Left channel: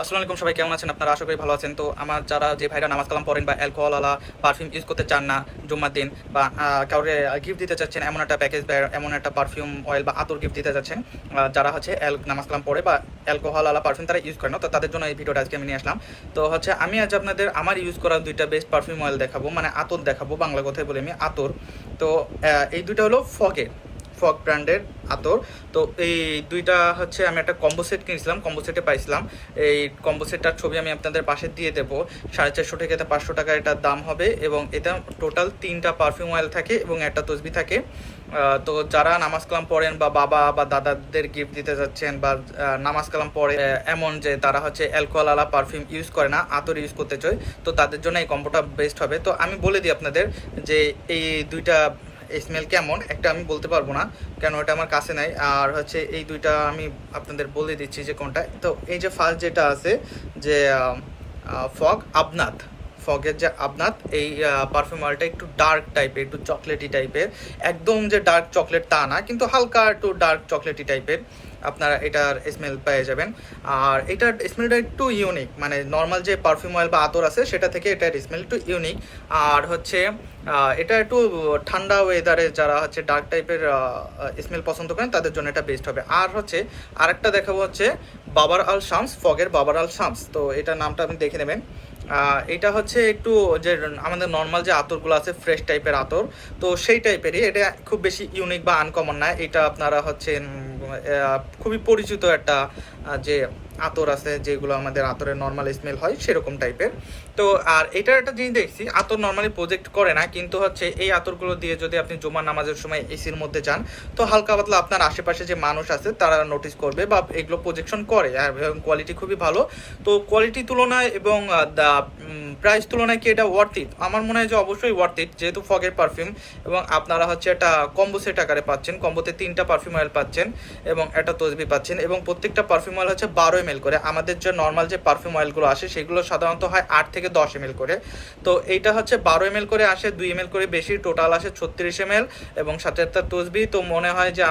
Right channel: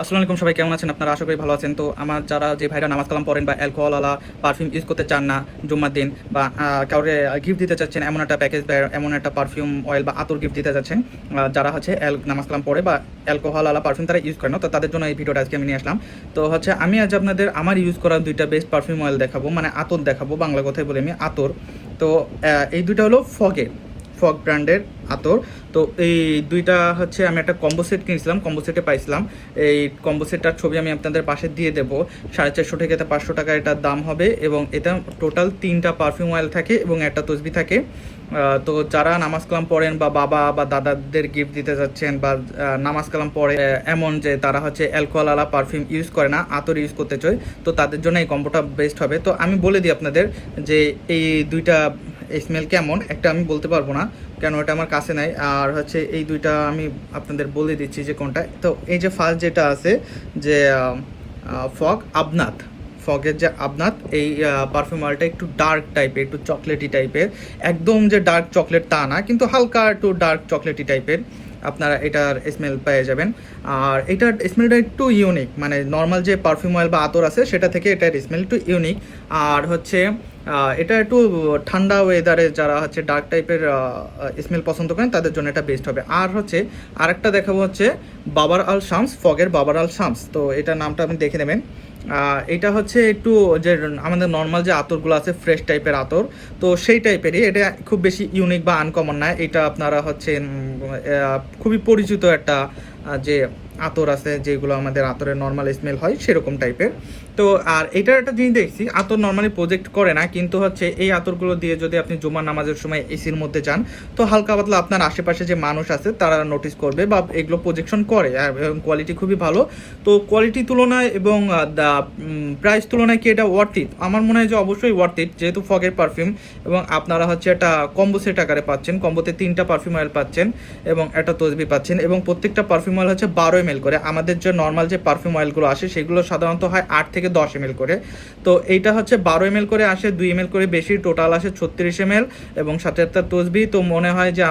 আসসালামু আলাইকুম, সবাই কেমন আছেন? আপনারা আশা করি ভালো আছেন। তো আমার যারা যে ভাইরা নামাজ কালাম পড়েন বা অ্যালকোহল আলা পারফিউম ইউজ করতে চান না জুম্মার দিন, বা কাউকে গিফট দিতে চাচ্ছেন এমন একটা প্যাকেজ বা এমন একটা পারফিউম অয়েল বা আতর গিফট দিতে চাচ্ছেন, যারা হচ্ছে নামাজ কালাম পড়ে বা অ্যালকোহল আলা পারফিউম তারা ইউজ করে না, তো তাদের জন্য এই ভিডিওটা আজকে আমি নিয়ে আসলাম। তো হচ্ছে আমি আজ আপনাদের আমার ইউজ করা দুইটা বেস্ট পারফিউম অয়েল দেখাবো, মানে আতর দেখাবো, বাংলা কথায় বলে আমি আতর। তো এই দুইটা হলো ফগ ব্র্যান্ডের আতর। তো এই দুইটা হচ্ছে আমি একটা কম্বো সেট কিনেছিলাম, কম্বো সেটে পাইছিলাম। এই কম্বো সেটটার ছবি আমি আপনাদের পাশে দিয়ে দেবো। 450 থেকে 500 টাকা এটার দাম হবে, এবং এটা টোটাল 3টা পারফিউম অয়েল থাকে এবং একটা তসবি থাকে। তো যারা নামাজ কালাম পড়েন বা বাবা বা দাদাদের গিফট দিতে যাচ্ছেন, বা নামাজ কালাম পড়ে এমন যে তারা হচ্ছে অ্যালকোহল আলা পারফিউম ইউজ করে না, আতর ইউজ করতে চায়, তো তাদের জন্য এই কম্বোটা বেস্ট হবে। তো আমি বলে দিই আপনাদের যে এই দুইটা স্মেল কেমন, একটা আমি বলতে পারবো না, কেন এটা আমার কাছে নাই। আর হচ্ছে এই দুইটা আমি আপনাদের বলে দিচ্ছি যে কোনটা। তো এই যে ফার্স্ট যেটা আছে যে ফগ আবনাথ, ফগের যে আবনাথ, এই পারফিউম অয়েলটা একটু ডার্ক টাইপের, একটু চকলেটি টাইপের। একদম যে ডার্ক চকলেট তা না, কিন্তু হালকা একটু ডার্ক চকলেটি টাইপের আপনারা এটার স্মেল পেয়ে যাবেন। আর এটার স্মেলটা একটু ইউনিক, মানে নর্মাল যে পারফিউম অয়েল বা আতর আছে সেটা থেকে এটার স্মেল একটু ইউনিক। আর হচ্ছে এটা একটু ঠান্ডা ওয়েদারে যারা হচ্ছে ডার্ক টাইপের স্মেল পছন্দ করেন তাদের জন্য এটা বেস্ট হবে। আর হচ্ছে আরেকটা দেখাবো হচ্ছে বাবার আল শামস, ফগের বাবার আল শামস। তো এটার নামটা আপনি দেখে নেবেন। এটা হচ্ছে একটু যে আমাদের নর্মাল যে আতরগুলো আছে ফ্রেশ টাইপের আতর, তো সেই টাইপেরই। এটা খুব বেশি ইউনিক বা আনকমন না। এটা আপনারা হচ্ছে খুবই পরিচিত একটা যে আতর আছে, যেগুলো আমাদের আতরের নর্মাল স্মেল হয় সেরকম টাইপের। তো আর এটার একটা জিনিস দেখছি, আতর নর্মালি প্রজেক্ট করে না, কিন্তু হচ্ছে এই আতরগুলো দিয়ে যদি আপনি জুমার নামাজের সময় এসির মধ্যে যান, তো হালকা পাতলা আপনার আশেপাশে যে মানুষ আছে তারা নোটিস করবে বা এগুলো প্রজেকশন করে। আর কোয়ালিটি খুবই ভালো। তো কোয়ালিটি তুলনায় এবং প্রাইস তুলনায় কি এটা ওয়ার্থ ইট? আমার মনে হয় যে অবশ্যই ওয়ার্থ ইট, যেহেতু ফগের পারফিউম এবং আপনারা হচ্ছে একটা কম্বো সেট আকারে পাচ্ছেন। কম্বোতে 3টা পারফিউম অয়েল পাচ্ছেন এবং একটা তসবি পাচ্ছেন, এবং প্রত্যেকটা পারফিউম অয়েল হচ্ছে 12 ml করে। আমাদের যে নর্মাল যে পারফিউম অয়েলগুলো আসে সেগুলো সাধারণত হয় 8 থেকে 10 ml করে, তো এইটা হচ্ছে 12 ml করে আসে, 2 ml করে বেশি, টোটাল আসে 36 ml এবং সাথে একটা তসবি। তো মনে হয় যে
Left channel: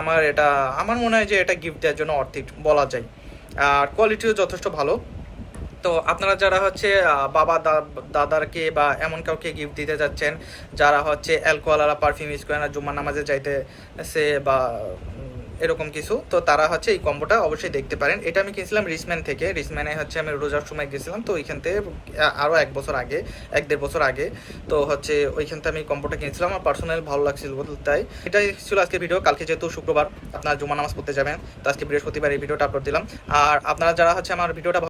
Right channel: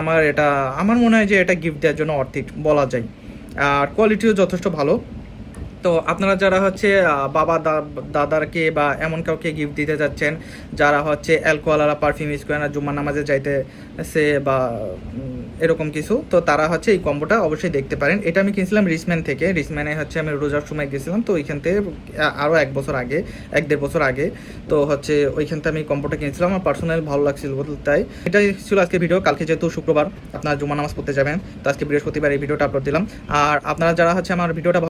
আমার মনে হয় যে এটা গিফট দেওয়ার জন্য অর্থিক বলা যায়। আর কোয়ালিটিও যথেষ্ট ভালো। তো আপনারা যারা হচ্ছে বাবা দাদারকে বা এমন কাউকে গিফট দিতে যাচ্ছেন যারা হচ্ছে অ্যালকোহল পারফিউম ইউজ করে না, জুম্মার নামাজে যাইতেছে বা এরকম কিছু, তো তারা হচ্ছে এই কম্বোটা অবশ্যই দেখতে পারেন। এটা আমি কিনছিলাম রিসম্যান থেকে। রিসম্যানে হচ্ছে আমি রোজার সময় গেছিলাম, তো ওইখান থেকে আরও 1 বছর আগে, 1-1.5 বছর আগে, তো হচ্ছে ওইখান থেকে আমি কম্বোটা কিনছিলাম। আমার পার্সোনাল ভালো লাগছিল, তাই এটাই ছিল আজকে ভিডিও। কালকে যেহেতু শুক্রবার আপনারা জুম্মার নামাজ পড়তে যাবেন, তো আজকে বৃহস্পতিবার এই ভিডিওটা আপলোড দিলাম। আর আপনারা যারা হচ্ছে আমার ভিডিওটা